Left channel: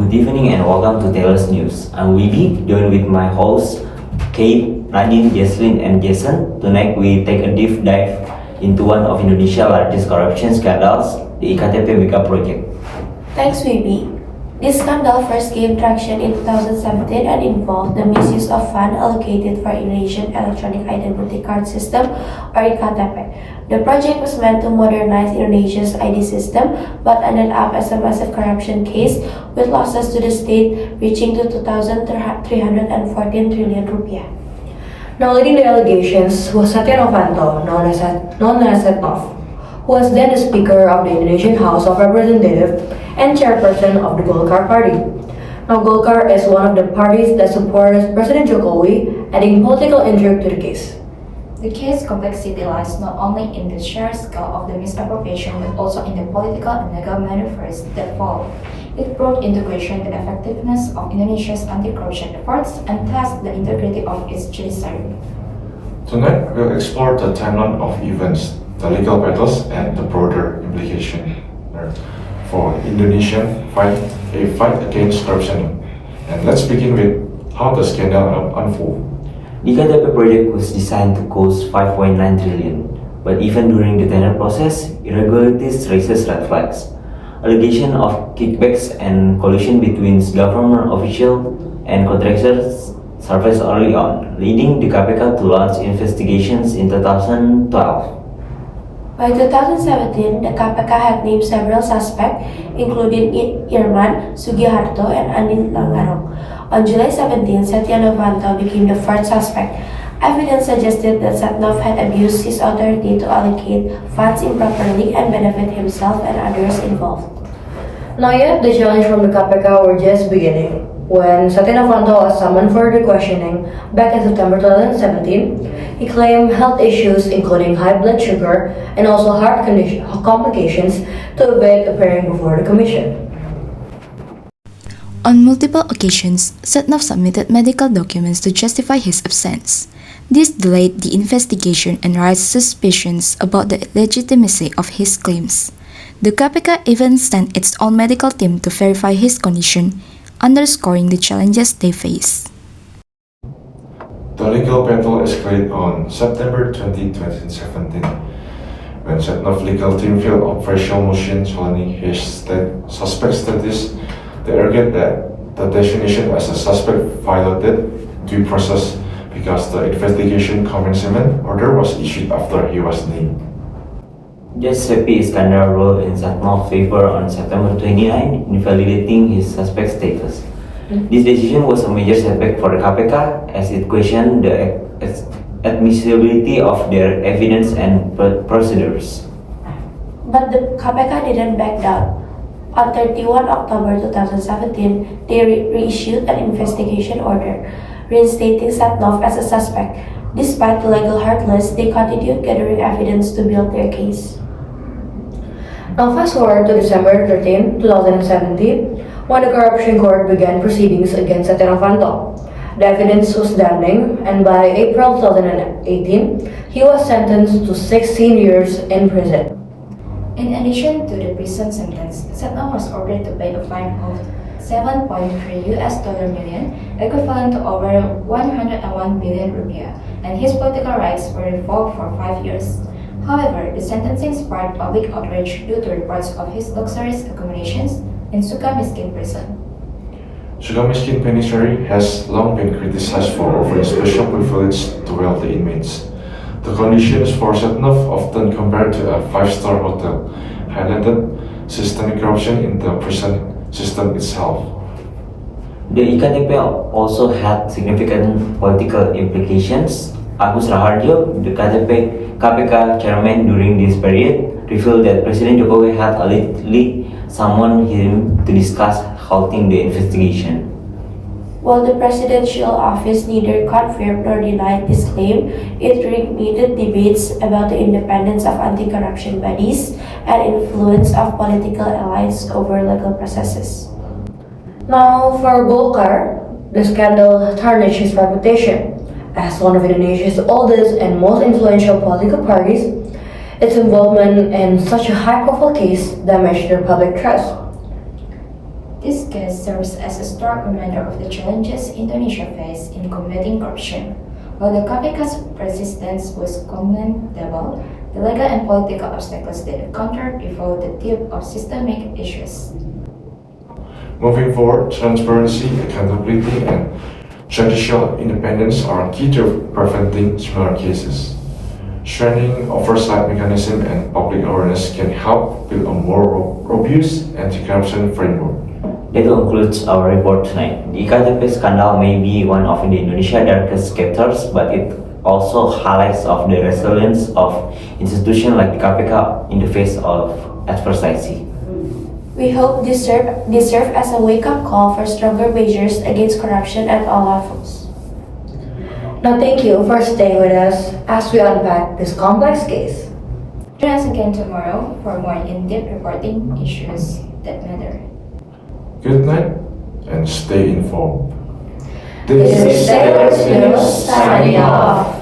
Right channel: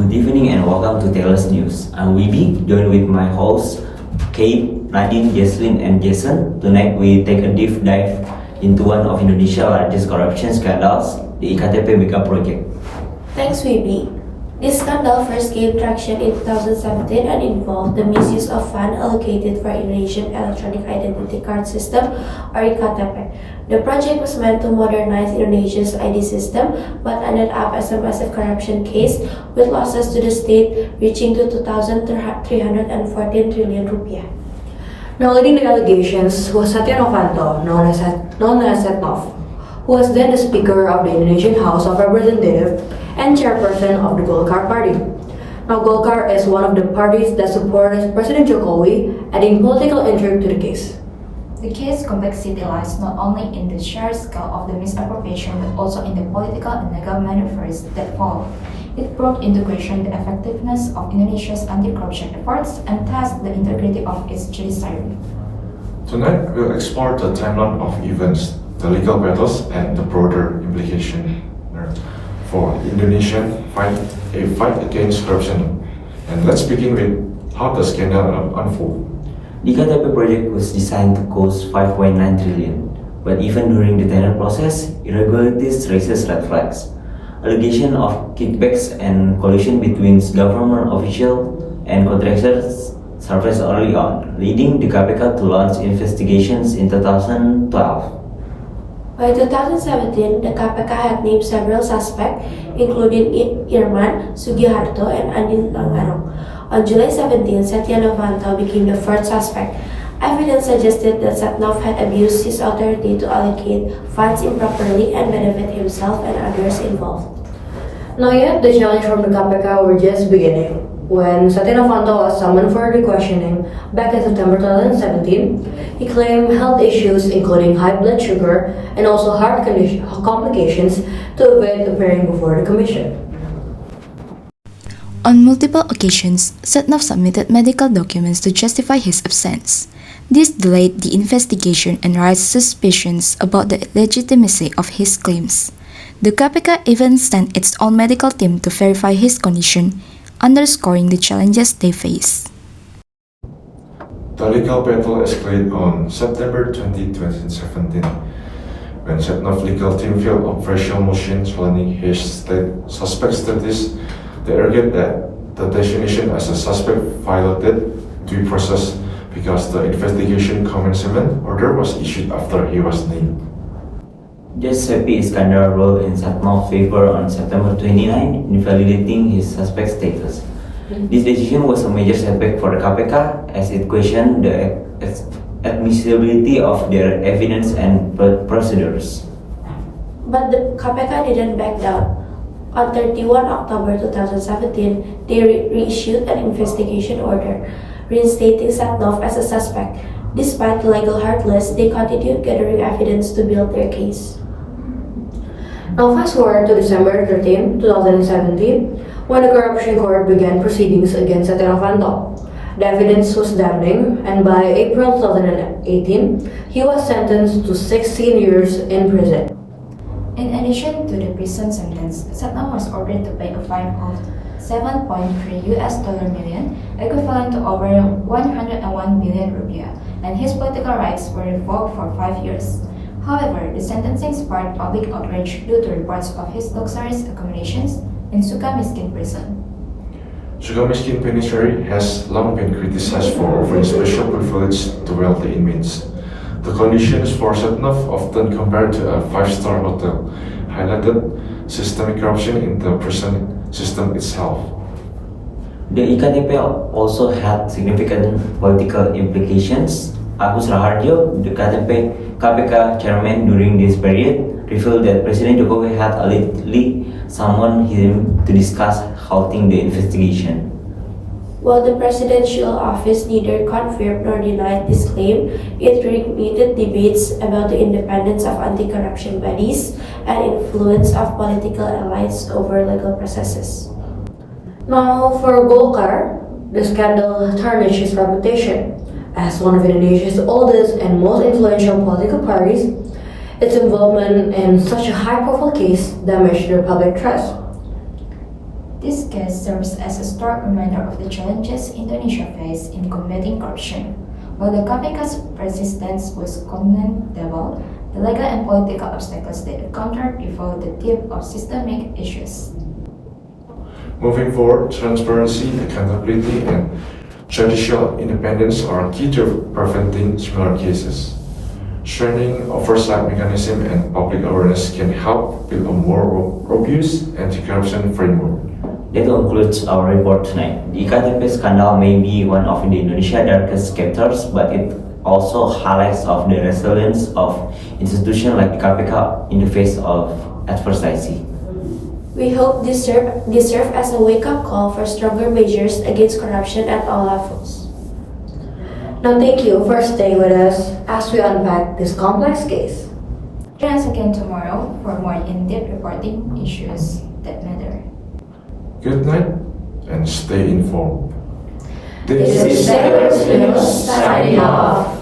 Good evening and welcome to Taylor's News. I'm Wibi, joined with my hosts Kate, Nadine, Jesslyn, and Jason. Tonight we take a deep dive into one of Indonesia's largest corruption scandals, the e-KTP mega project. Thanks, Wibi. This scandal first gained traction in 2017 and involved the misuse of funds allocated for Indonesian Electronic Identity Card System, or e-KTP. The project was meant to modernize Indonesia's ID system, but ended up as a massive corruption case with losses to the state reaching to 2,314 trillion rupiah. Now leading the allegations was Setia Novanto, known as Setnov, who was then the Speaker of the Indonesian House of Representatives and chairperson of the Golkar Party. Now Golkar is one of the parties that supports President Jokowi, adding political intrigue to the case. The case complexity lies not only in the sheer scale of the misappropriation but also in the political and legal maneuvers that followed. It brought into question the effectiveness of Indonesia's anti-corruption efforts and tested the integrity of its judiciary. Tonight, we'll explore the timeline of events, the legal battles, and the broader implication for Indonesian fight against corruption. And let's begin with how the scandal unfolded. The e-KTP project was designed to cost 5.9 trillion, but even during the tender process, irregularities raises red flags. Allegations of kickbacks and collusion between government officials and contractors surfaced early on, leading the KPK to launch investigations in 2012. By 2017, the KPK had named several suspects, including Irman, Sugiharto, and Andin Nangarong. On July 17, Setia Novanto became the fourth suspect. Evidence suggested that Setnov had abused his authority to allocate funds improperly and benefit himself and others involved. Now yet, the challenge from the KPK were just beginning. When Setia Novanto was summoned for the questioning back in September 2017, he claimed health issues including high blood sugar and also heart complications to avoid appearing before the commission. On multiple occasions, Setnov submitted medical documents to justify his absence. This delayed the investigation and raised suspicions about the legitimacy of his claims. The KPK even sent its own medical team to verify his condition, underscoring the challenges they face. The legal battle escalated on September 20, 2017, when Setnov's legal team filed official motion challenging his suspect status. They argued that the designation as a suspect violated due process because the investigation commencement order was issued after he was named. Judge Sepi Iskandar ruled in Setnov's favor on September 29, invalidating his suspect status. This decision was a major setback for the KPK as it questioned the admissibility of their evidence and procedures. But the KPK didn't back down. On 31 October 2017, they reissued an investigation order, reinstating Setnov as a suspect. Despite the legal hurdles, they continued gathering evidence to build their case. Now fast forward to December 13, 2017, when the corruption court began proceedings against Setia Novanto. The evidence was damning, and by April 2018, he was sentenced to 16 years in prison. In addition to the prison sentence, Setnov was ordered to pay a fine of $7.3 million, equivalent to over 101 billion rupiah, and his political rights were revoked for 5 years. However, the sentencing sparked public outrage due to reports of his luxurious accommodations in Sukamiskin prison. Sukamiskin Penitentiary has long been criticized for offering special privilege to wealthy inmates. The conditions for Setnov, often compared to a five-star hotel, highlighted systemic corruption in the prison system itself. The e-KTP also had significant political implications. Agus Raharjo, the KPK chairman during this period, revealed that President Jokowi had allegedly summoned him to discuss halting the investigation. While the presidential office neither confirmed nor denied this claim, it reignited debates about the independence of anti-corruption bodies and influence of political elites over legal processes. Now for Golkar, the scandal tarnished his reputation. As one of Indonesia's oldest and most influential political parties, its involvement in such a high-profile case damaged their public trust. This case serves as a stark reminder of the challenges Indonesia faces in combating corruption. While the KPK's persistence was commendable, the legal and political obstacles they encountered reveal the depth of systemic issues. Moving forward, transparency, accountability, and judicial independence are key to preventing similar cases. Strengthening oversight mechanism and public awareness can help build a more robust anti-corruption framework. That concludes our report tonight. The e-KTP scandal may be one of Indonesia's darkest chapters, but it also highlights of the resilience of institutions like KPK in the face of adversity. We hope this serve as a wake-up call for stronger measures against corruption at all levels. Now thank you for staying with us as we unpack this complex case. Join us again tomorrow for more in-depth reporting issues that matter. Good night and stay informed. This is Sailors News signing off.